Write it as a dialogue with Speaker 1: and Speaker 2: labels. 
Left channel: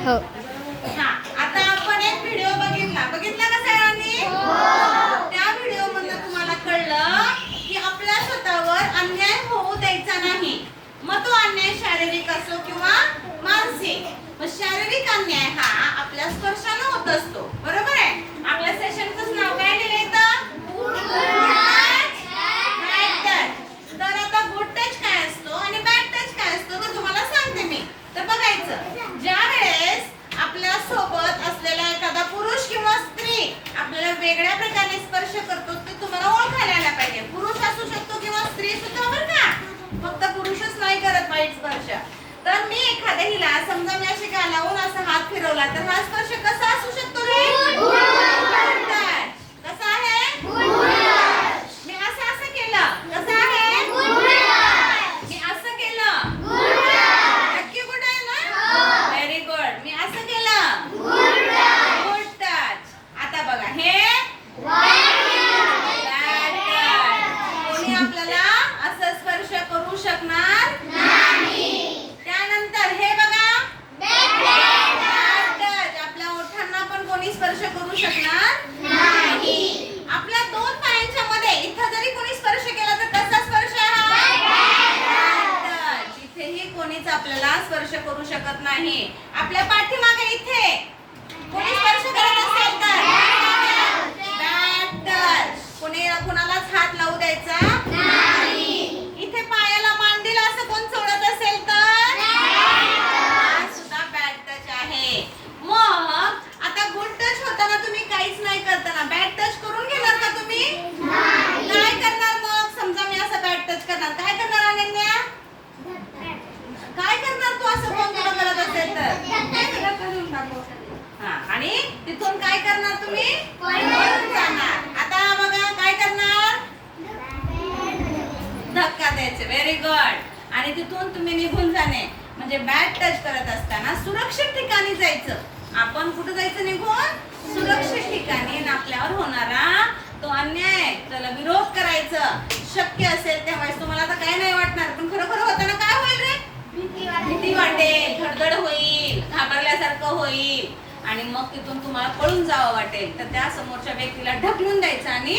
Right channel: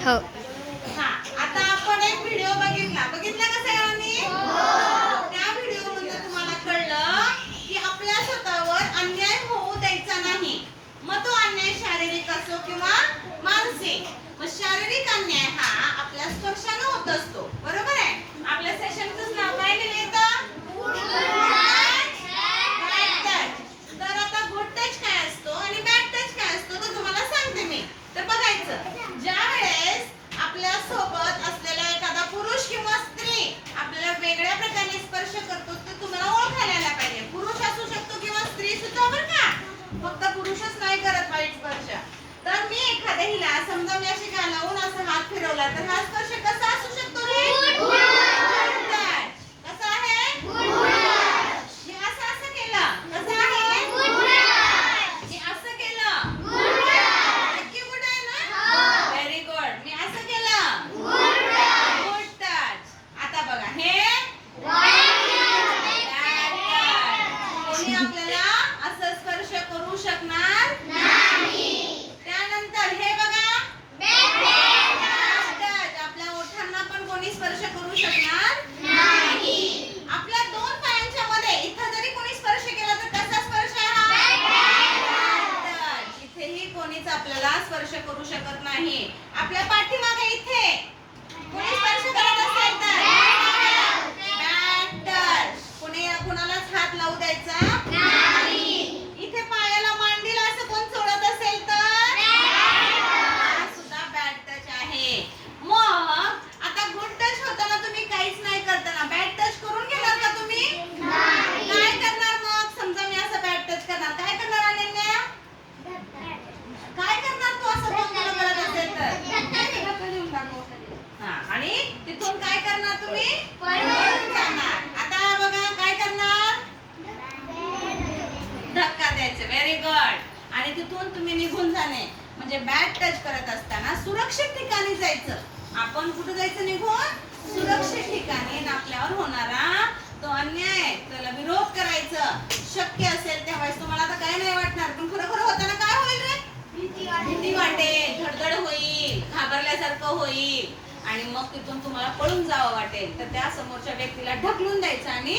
Speaker 1: हो.
Speaker 2: हा आता आपण एक व्हिडिओ बघितला. बघितला का सगळ्यांनी? त्या व्हिडिओ मधनं तुम्हाला कळलं की आपल्या स्वतःवर अन्याय होऊ द्यायचा नाही. मग तो अन्याय शारीरिक असो किंवा मानसिक. मग शारीरिक अन्याय हा आपल्या स्पर्शानं होत असतो. बरोबर आहे? आपल्या सेशनचं नाव काय दिलं. तर आता गुड टच काय असतो आणि बॅड टच काय असतो ते तुम्हाला सांगते मी. तर बघायचं ज्या वेळेस आपल्यासोबत असलेला एखादा पुरुष किंवा स्त्री आपल्याला वेगळ्या प्रकारे स्पर्श करतो तर तुम्हाला ओळखायला आला पाहिजे पुरुष असू शकतो किंवा स्त्री सुद्धा बरं का फक्त पुरुषच नाही करत वाईट स्पर्श तर मी एखाद्या हिला समजा मी अशी गालावून असा हात फिरवला तर हा स्पर्श कसा असू शकतो रे Good touch. कसा आहे मी असं असं केलं कसं आहे मी असं केलं नक्की गुड आहे ना व्हेरी गुड मी असं केलं गुड टच आता बघा हे bad touch. कोणी आपल्याला असं स्पर्श करू शकणार त्यानंतर हे बघा. आपल्या ओठांना पण कोणी स्पर्श करू शकणार आपल्या दोन पायांच्या मध्ये इथं जरी कोणी स्पर्श केला तर कसा स्पर्श हा? इथेही कोणीच आपल्याला स्पर्श करू शकत नाही. आपल्या पाठीमागे इथे कोणी स्पर्श करत असेल तर? Bad कोणी कुणालाच हात लावू द्यायचा इथे पायाला मांडीला असं कोण चोळत असेल तर हा सुद्धा बॅड टच आहे मग आता गुड टच होताना तुम्ही काहीच नाही करताना बॅड टच करून घेणार का तुम्ही काय करणार मग समजा मी असं बॅड टच करणार काय करणार अनन्या काय करणार तू असं कोण तुला करत असेल तर हा आणि तिथून काय करणार तुम्ही? पळून जाणार. आता बघा काय करणार? धक्का द्यायचे. व्हेरी गुड आणि तिथून तुम्ही निघून जाणे. म्हणजे बॅट टच करत असताना सुरक्षित ठिकाणी जायचं. आपण कुठे जायचं निघून? सुरक्षित ठिकाणी आपल्यावर होणारा तो अन्याय. त्याला विरोध करायचं. शक्य असेल त्यावेळेस तुम्हाला आता काय नाही वाटणार. पण खरोखर होताना काय होईल रे? भीती वाटेल. धडधड होईल. घाबरल्यासारखं होईल. आणि मग तिथून तुम्हाला पळून जावं वाटेल. तर त्या समोरच्या व्यक्तीला ढकलून द्यायचं आणि